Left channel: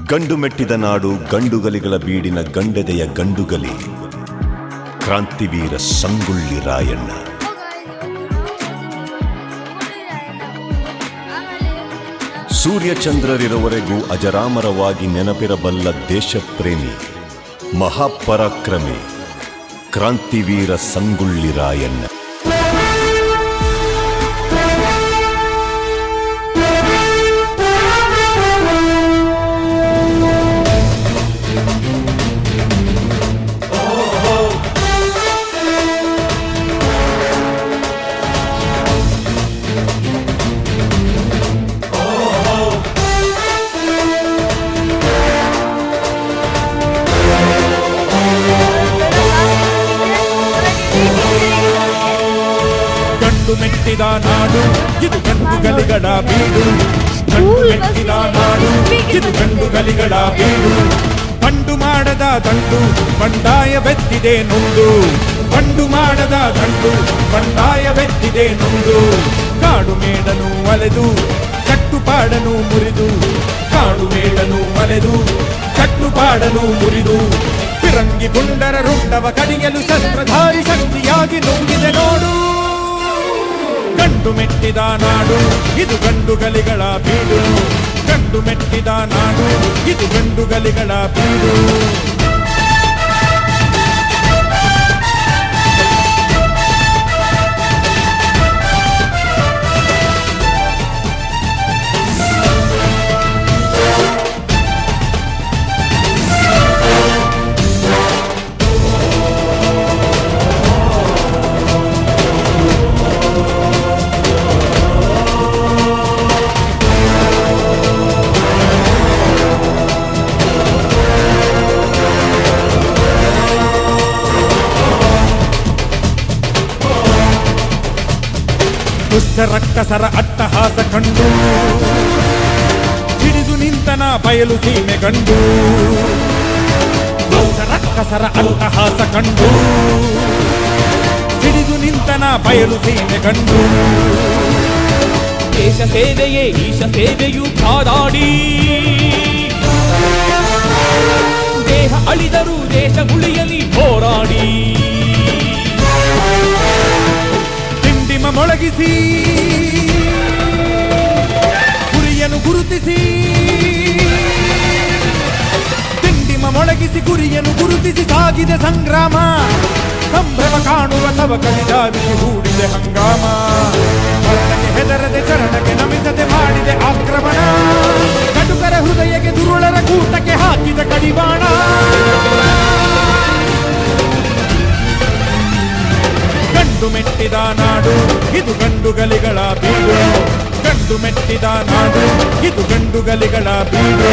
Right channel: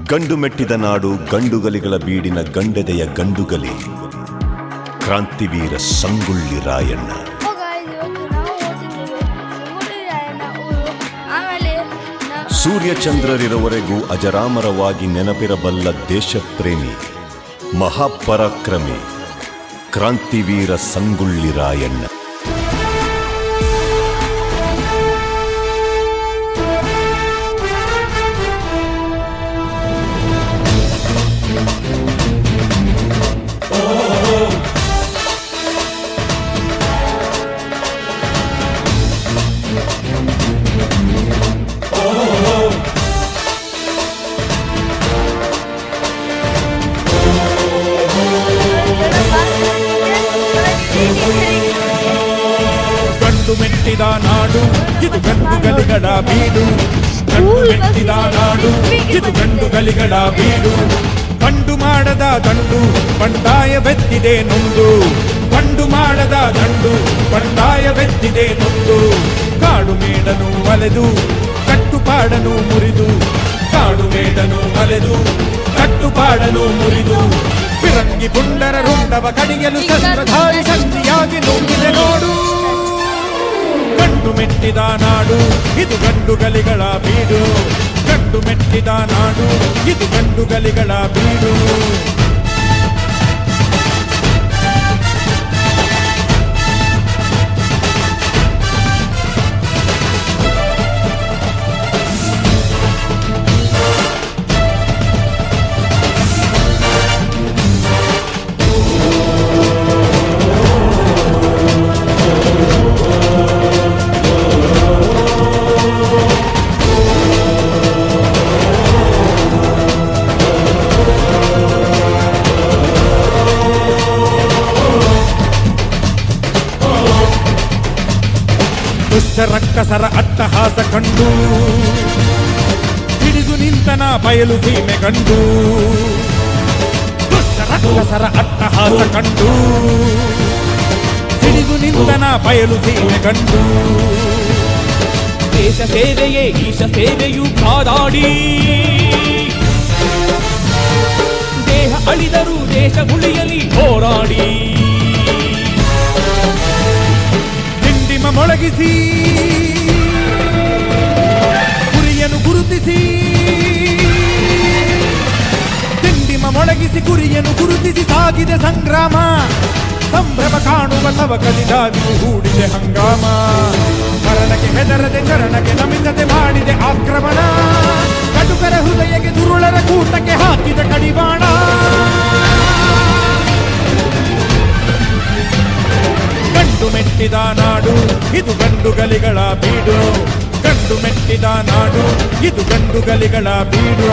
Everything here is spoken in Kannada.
ಗಂಡು ಮೆಟ್ಟಿದ ನಾಡು ಗಂಡುಗಲಿಗಳ ಬೀಡಿನ ಗಂಡೆದೆಯ ಗಂಡುಗಲಿ ಕ್ರಾಂತಿವೀರ ಸಂಗೊಳ್ಳಿ ರಾಯಣ್ಣ. ಸೂರ್ಯಚಂದ್ರರಿರುವವರೆಗೂ ಅಜರಾಮರವಾಗಿ ನೆನಪಿರಬಲ್ಲ ದೇಶಪ್ರೇಮಿ ಮಹಾಪರಾಕ್ರಮಿ ಕ್ರಾಂತಿವೀರ ಸಂಗೊಳ್ಳಿ ರಾಯಣ್ಣ. ಗಂಡು ಮೆಟ್ಟಿದ ನಾಡು ಇದು ಗಂಡುಗಲಿಗಳ ಬೀಡು. ಗಂಡು ಮೆಟ್ಟಿದ ನಾಡು ಇದು ಗಂಡುಗಲಿಗಳ ಬೀಡು. ಬಂಡು ಮಾಡದ ದಂಡು ಬಂಡಾಯವೆತ್ತಿದೆ ನೊಂದು. ಬಂಡು ಮಾಡದ ದಂಡು ಬಂಡಾಯವೆತ್ತಿದೆ ನೊಂದು. ಕಾಡು ಮೇಡನು ಅಲೆದು ಕಟ್ಟುಪಾಡನು ಮುರಿದು. ಕಾಡು ಮೇಡನು ಅಲೆದು ಕಟ್ಟುಪಾಡನು ಮುರಿದು. ಫಿರಂಗಿ ಪುಂಡರ ರುಂಡವ ಕಡಿಯಲು ಶಸ್ತ್ರಧಾರಿ ಶಕ್ತಿಯಾಗಿ ನುಂಗಿದೆ ನೋಡು. ಗಂಡು ಮೆಟ್ಟಿದ ನಾಡು ಇದು ಗಂಡುಗಲಿಗಳ ಬೀಡು. ಗಂಡು ಮೆಟ್ಟಿದ ನಾಡು ಇದು ಗಂಡುಗಲಿಗಳ ಬೀಡು. ದುಷ್ಟ ರಕ್ಕಸರ ಅಟ್ಟಹಾಸ ಕಂಡು ಹಿಡಿದು ನಿಂತನ ಬಯಲು ಸೀಮೆ ಗಂಡು. ದುಷ್ಟ ರಕ್ಕಸರ ಅಟ್ಟಹಾಸ ಕಂಡು ಹಿಡಿದು ನಿಂತನ ಬಯಲು ಸೀಮೆ ಗಂಡು. ದೇಶ ಸೇವೆಯೇ ಈಶ ಸೇವೆಯು ಕಾದಾಡಿ. ದೇಹ ಅಳಿದರೂ ದೇಶ ಉಳಿಯಲಿ ಹೋರಾಡಿ. ದಿಂಡಿಮ ಮೊಳಗಿಸಿ ಗುರಿಯನ್ನು ಗುರುತಿಸಿ. ದಿಂಡಿಮ ಮೊಳಗಿಸಿ ಗುರಿಯನ್ನು ಗುರುತಿಸಿ ಸಾಗಿದೆ ಸಂಗ್ರಾಮ. ಸಂಭ್ರಮ ಕಾಣುವ ತವಕದಿ ಧಾವಿಸಿ ಹೂಡಿದೆ ಹಂಗಾಮ. ಮರಣಕ್ಕೆ ಹೆದರದೆ ಚರಣಕ್ಕೆ ನಮಿಸದೆ ಮಾಡಿದೆ ಆಕ್ರಮಣ. ಕಟುಕರ ಹೃದಯಕ್ಕೆ ದುರುಳರ ಕೂಟಕ್ಕೆ ಹಾಕಿದ ಕಡಿವಾಣ. ಗಂಡು ಮೆಟ್ಟಿದ ನಾಡು ಇದು ಗಂಡುಗಲಿಗಳ ಬೀಡು. ಗಂಡು ಮೆಟ್ಟಿದ ನಾಡು ಇದು ಗಂಡುಗಲಿಗಳ ಬೀಡು.